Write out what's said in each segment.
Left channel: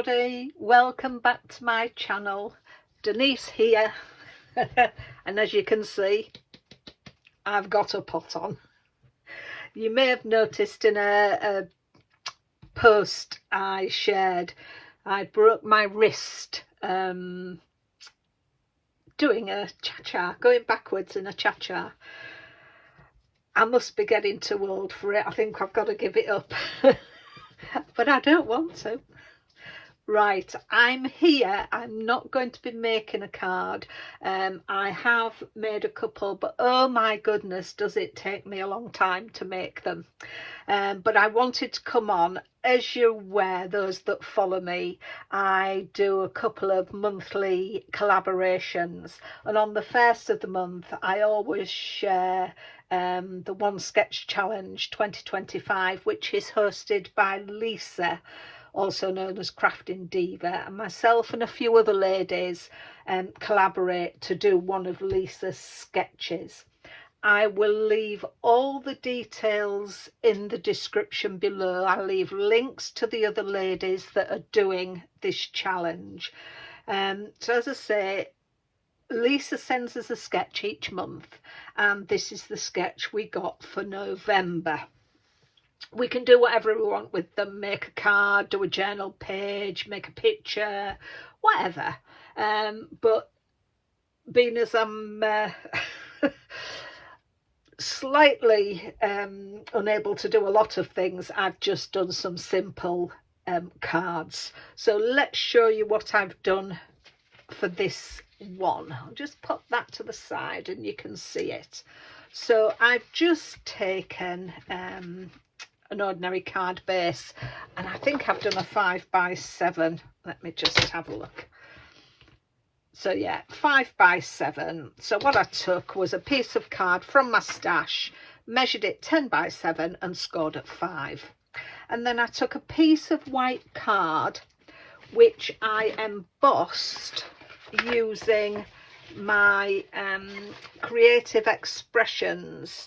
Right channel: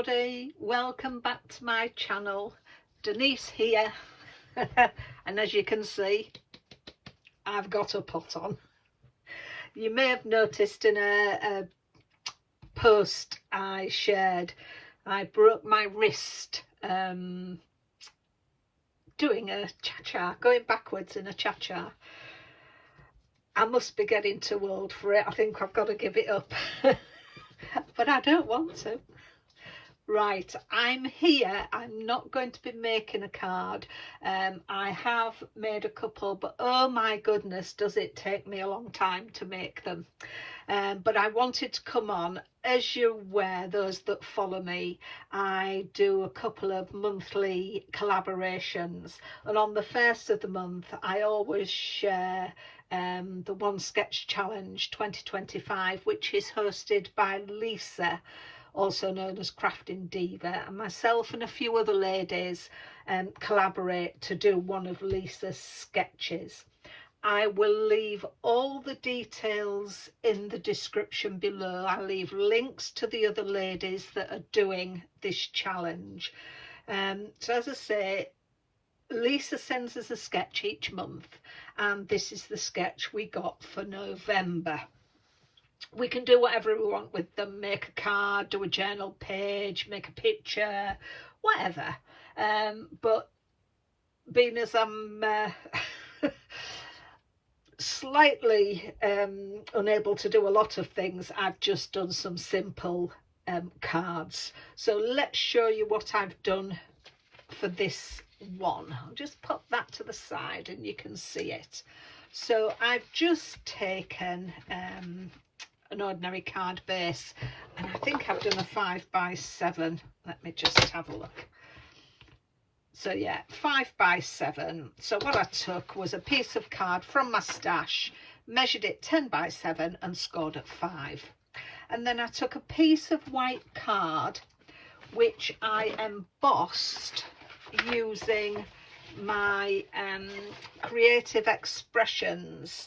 everybody, welcome back to my channel. Denise here. And as you can see, I've got a pot on. You may have noticed in a post I shared, I broke my wrist doing a cha-cha, going backwards in a cha-cha. I must be getting too old for it. I think I've got to give it up. But I don't want to. Right, I'm here. I'm not going to be making a card. I have made a couple, but oh my goodness, does it take me a long time to make them. But I wanted to come on. As you're aware, those that follow me, I do a couple of monthly collaborations, and on the first of the month I always share the One Sketch Challenge 2025, which is hosted by Lisa, also known as Crafting Diva, and myself and a few other ladies collaborate to do one of Lisa's sketches. I will leave all the details in the description below. I'll leave links to the other ladies that are doing this challenge. So as I say, Lisa sends us a sketch each month, and this is the sketch we got for November. We can do whatever we want with them, make a card, do a journal page, make a picture, whatever. But being as I'm slightly unable to do a lot of things, I've just done some simple cards. So let's show you what I've done for this one. I'll just put that to the side and you can see it. So I've just taken an ordinary card base, and I think I've done a 5x7. Let me just have a look. So yeah, 5x7. So what I took was a piece of card from my stash, measured it 10x7 and scored at 5. And then I took a piece of white card which I embossed using my Creative Expressions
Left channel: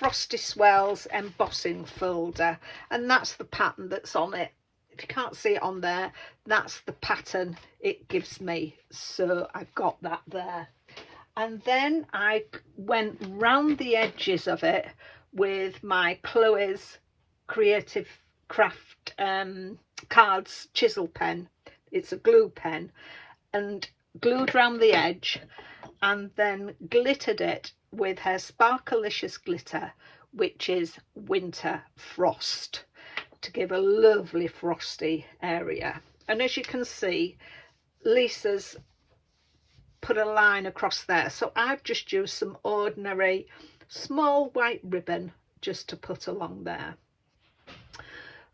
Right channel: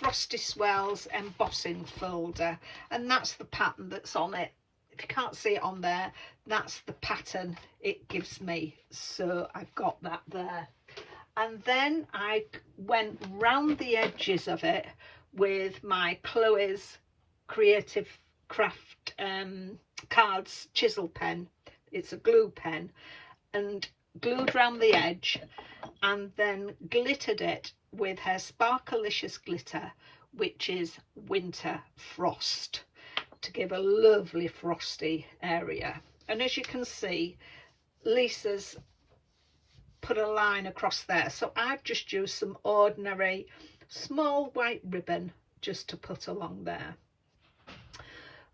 Frosty Swirls embossing folder, and that's the pattern that's on it. If you can't see it on there, that's the pattern it gives me, so I've got that there. And then I went round the edges of it with my Chloe's Creative Craft cards chisel pen. It's a glue pen, and glued round the edge, and then glittered it with her Sparkelicious glitter, which is Winter Frost, to give a lovely frosty area. And as you can see, Lisa's put a line across there, so I've just used some ordinary small white ribbon just to put along there.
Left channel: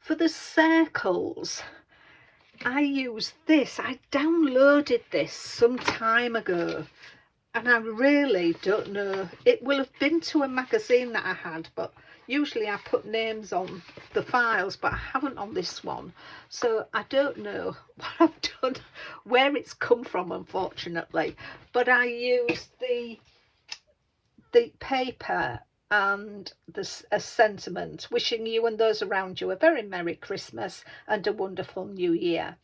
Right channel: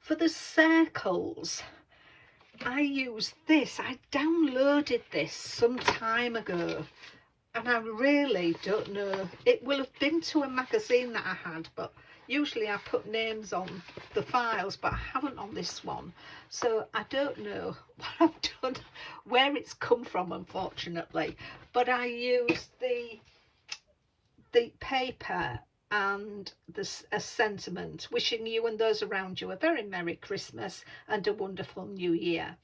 For the circles, I used this. I downloaded this some time ago, and I really don't know. It will have been to a magazine that I had, but usually I put names on the files, but I haven't on this one. So I don't know what I've done, where it's come from, unfortunately. But I used the paper and a sentiment, wishing you and those around you a very Merry Christmas and a wonderful New Year.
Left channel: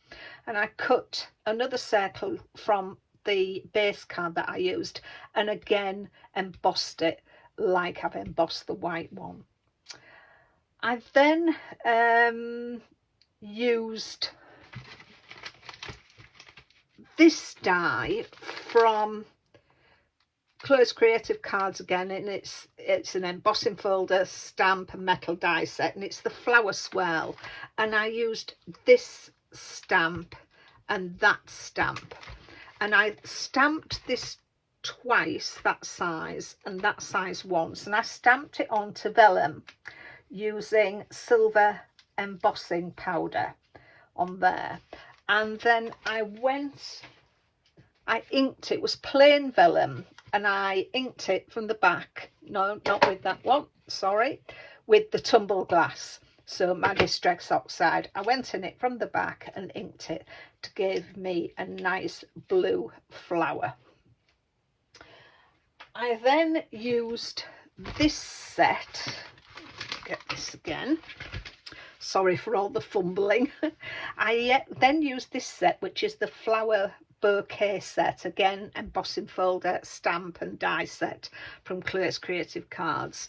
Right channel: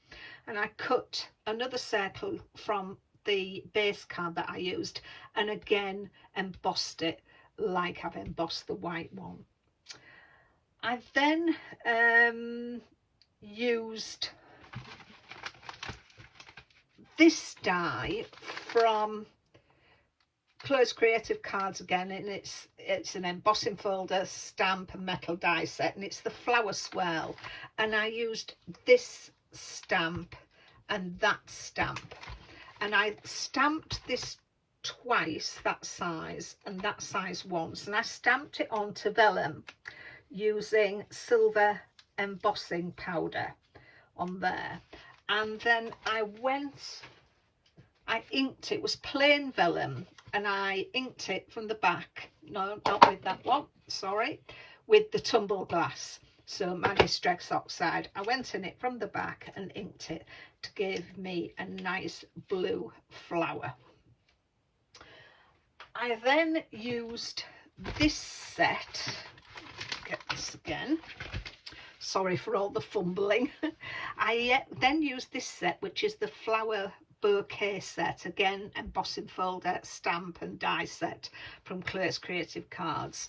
And I cut another circle from the base card that I used, and again embossed it like I've embossed the white one. I then used this die from Chloe's Creative Cards again, and it's an embossing folder, stamp and metal die set, and it's the Flower Swirl, and I used this stamp and that stamp, and I stamped this twice, that size and that size once, and I stamped it onto vellum using silver embossing powder on there. And then I inked it. It was plain vellum, and I inked it from the back, no, not with that one, sorry, with the Tumbled glass, so Magistrix Oxide. I went in it from the back and inked it to give me a nice blue flower. I then used this set, get this again, sorry for all the fumbling. I then used this set, which is the flower bouquet set, again embossing folder, stamp and die set from Claire's Creative Cards,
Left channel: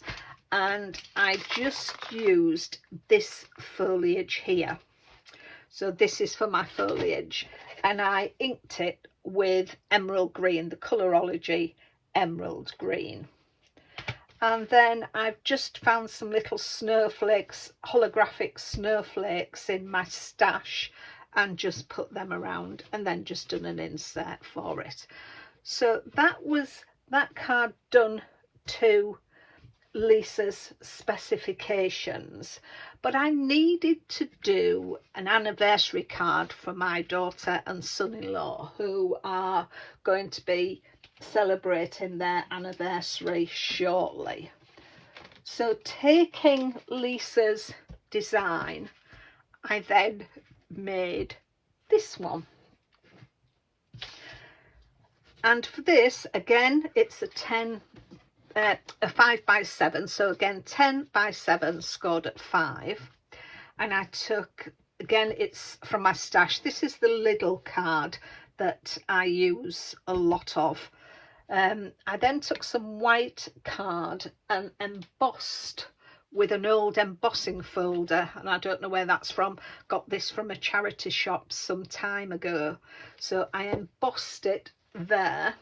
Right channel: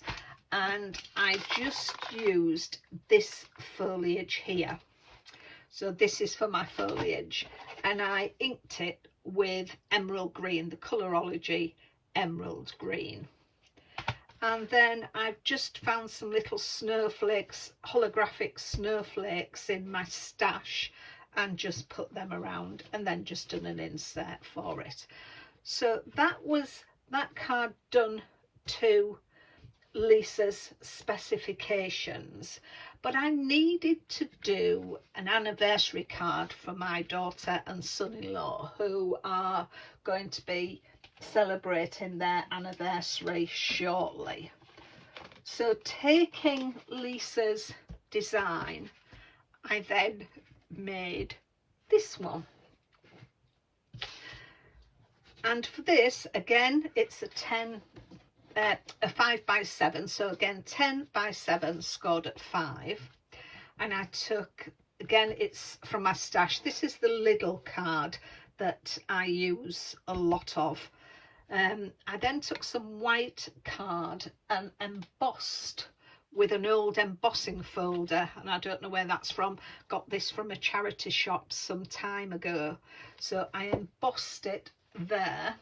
and I just used this foliage here. So this is for my foliage, and I inked it with emerald green, the Colorology emerald green. And then I've just found some little snowflakes, holographic snowflakes in my stash, and just put them around, and then just done an insert for it. So that was that card done to Lisa's specifications, but I needed to do an anniversary card for my daughter and son-in-law, who are going to be celebrating their anniversary shortly. So taking Lisa's design, I then made this one, and for this again it's a 5 by 7, so again 10 by 7 scored at 5, and I took, again it's from my stash, this is the Lidl card that I use a lot of. I then took some white card and embossed with an old embossing folder, and I don't know where that's from, got this from a charity shop some time ago. So I embossed it there,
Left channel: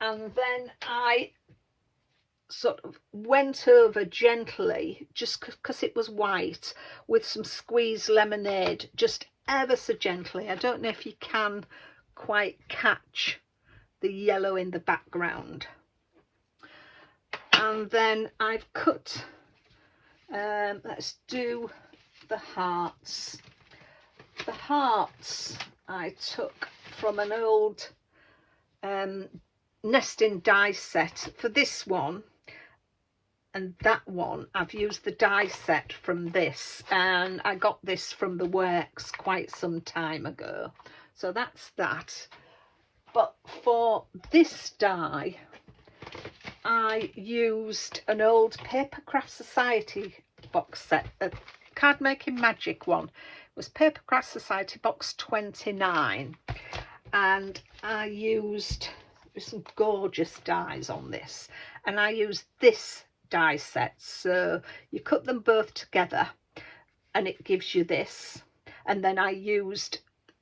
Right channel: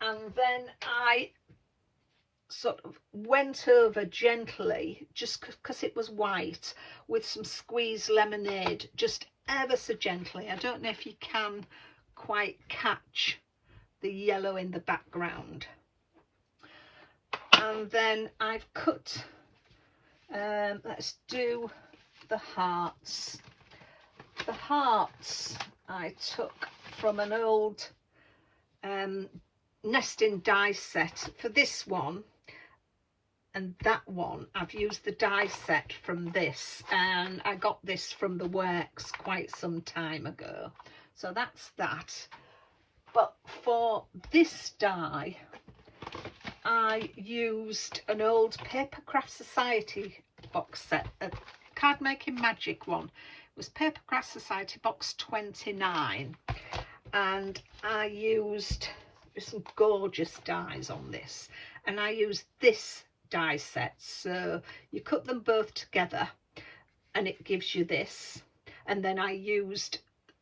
and then I sort of went over gently, just because it was white, with some squeezed lemonade, just ever so gently. I don't know if you can quite catch the yellow in the background. And then I've cut, let's do the hearts. The hearts I took from an old nesting die set. For this one and that one, I've used the die set from this, and I got this from the works quite some time ago. So that's that. But for this die, I used an old Paper Craft Society box set, a Card Making Magic one. It was Paper Craft Society box 29, and I used some gorgeous dies on this, and I used this die set. So you cut them both together and it gives you this, and then I used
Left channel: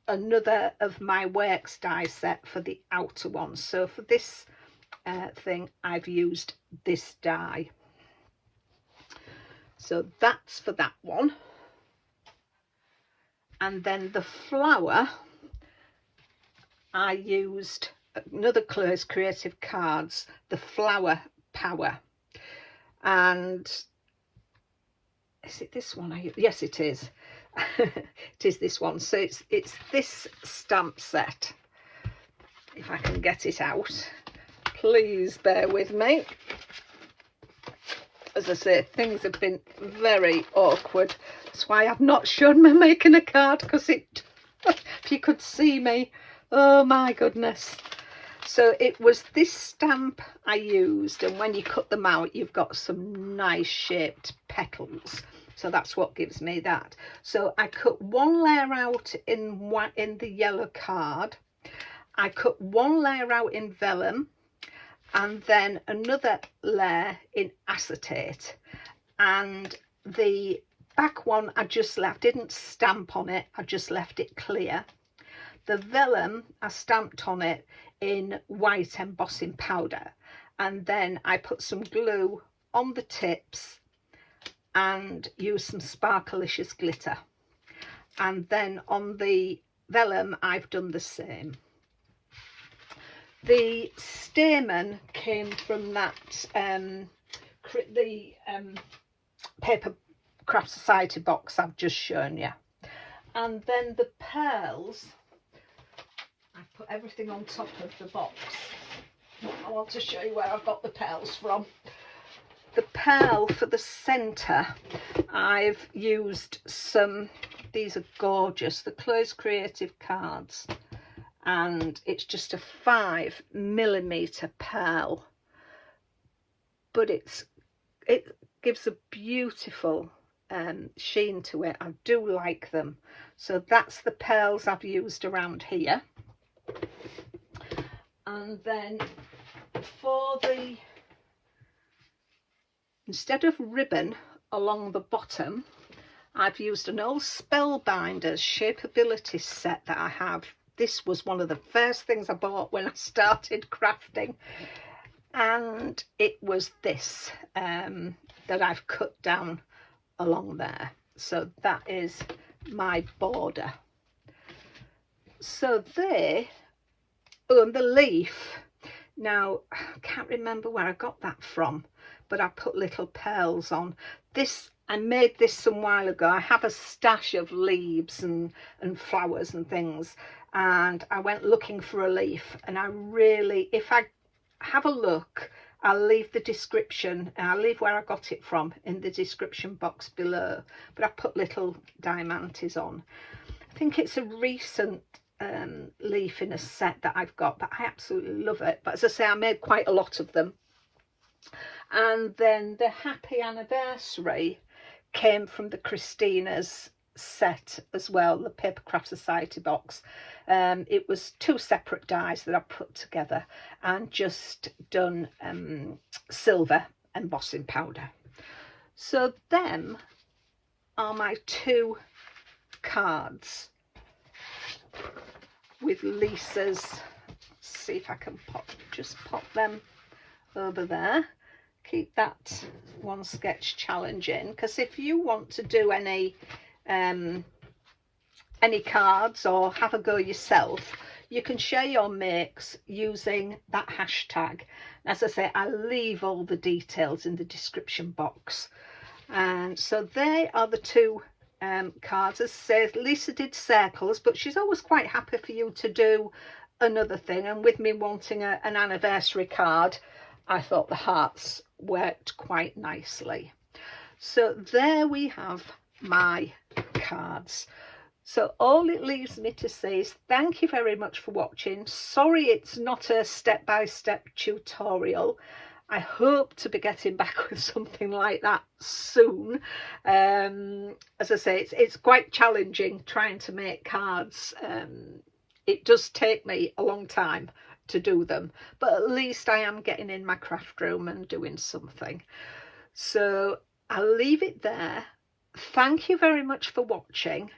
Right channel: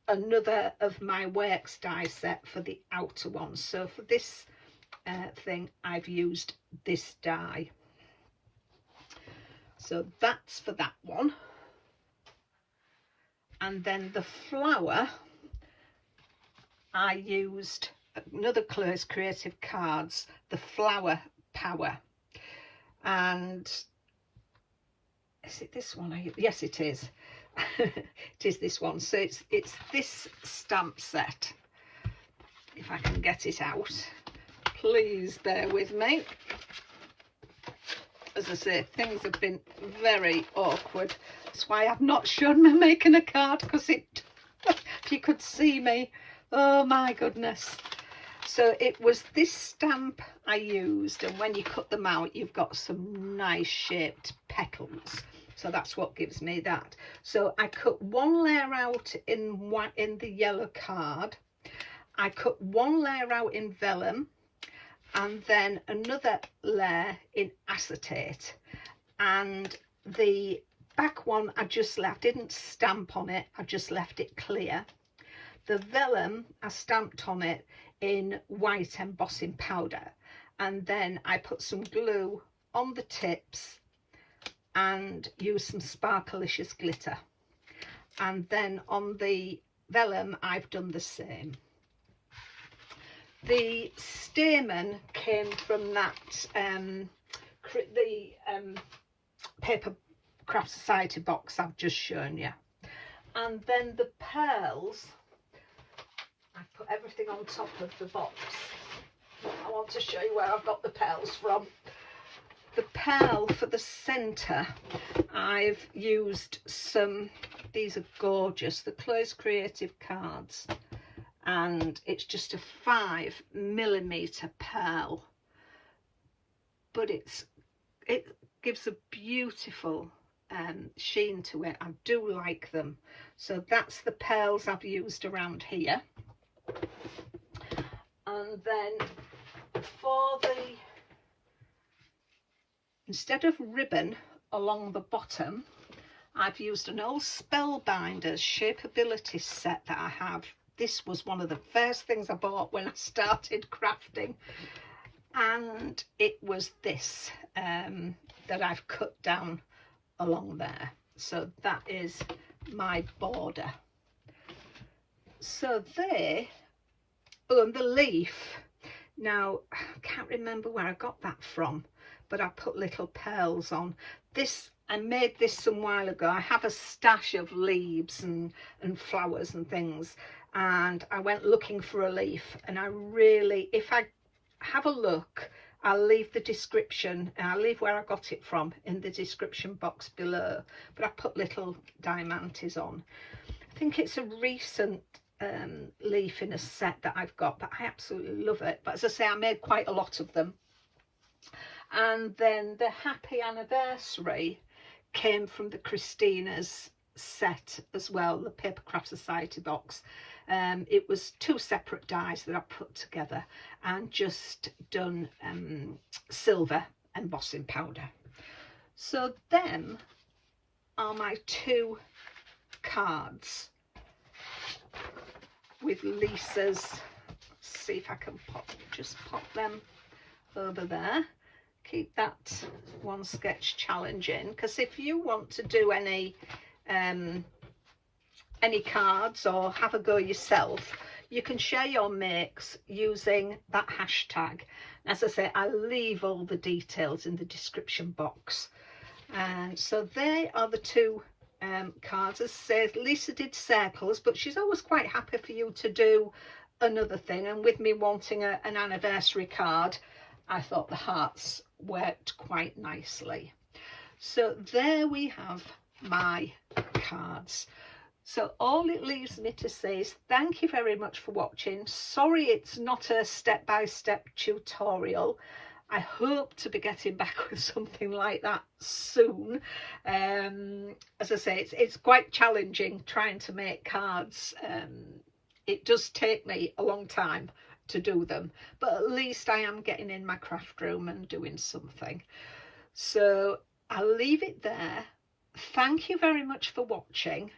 another of my works die set for the outer one. So for this thing I've used this die. So that's for that one. And then the flower, I used another Claire's Creative Cards, the Flower Power. And is it this one? Yes, it is. It is this one. So it's this stamp set. If I can get it out, please bear with me. As I say, things have been very awkward. That's why I've not shown me making a card, because it, if you could see me, oh my goodness. So it was this stamp I used, and when you cut them out, you've got some nice shaped petals. So that's what gives me that. So I cut one layer out in the yellow card. I cut one layer out in vellum, and then another layer in acetate. And the back one I just left, didn't stamp on it, I just left it clear. The vellum I stamped on it in white embossing powder, and then I put some glue on the tips and used some Sparkelicious glitter, and then on the vellum I've done the same. The stamen came from that Paper Craft Society box I've just shown you. And then the pearls, I put everything on top of the box. I want to show you where I've got the pearls from. The pearl for the centre, I've used some, these are gorgeous, the Claire's Creative Cards, and it's just a 5mm pearl, but it gives a beautiful sheen to it. I do like them. So that's the pearls I've used around here. And then for the, instead of ribbon along the bottom, I've used an old Spellbinders Shapeabilities set that I have. This was one of the first things I bought when I started crafting, and it was this that I've cut down along there. So that is my border. So there, oh, the leaf, now I can't remember where I got that from, but I put little pearls on this. I made this some while ago. I have a stash of leaves and flowers and things, and I went looking for a leaf, and I really, if I have a look, I'll leave the description, and I'll leave where I got it from in the description box below, but I put little diamantes on. I think it's a recent leaf in a set that I've got, but I absolutely love it. But as I say, I made quite a lot of them. And then the Happy Anniversary came from the Christina's set as well, the Paper Craft Society box. It was 2 separate dies that I put together and just done silver embossing powder. So them are my 2 cards with Lisa's. Let's see if I can just pop them over there. Keep that one sketch challenge in, because if you want to do any cards or have a go yourself, you can share your makes using that hashtag. As I say, I'll leave all the details in the description box. And so they are the 2 cards. As I say, Lisa did circles, but she's always quite happy for you to do another thing, and with me wanting an anniversary card, I thought the hearts worked quite nicely. So there we have my cards. So all it leaves me to say is thank you very much for watching. Sorry it's not a step-by-step tutorial. I hope to be getting back with something like that soon. As I say, it's quite challenging trying to make cards. It does take me a long time to do them, but at least I am getting in my craft room and doing something. So I'll leave it there. Thank you very much for watching.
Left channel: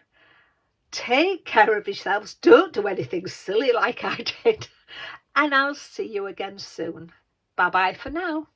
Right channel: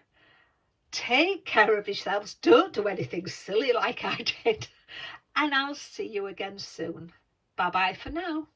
Take care of yourselves. Don't do anything silly like I did. And I'll see you again soon. Bye bye for now.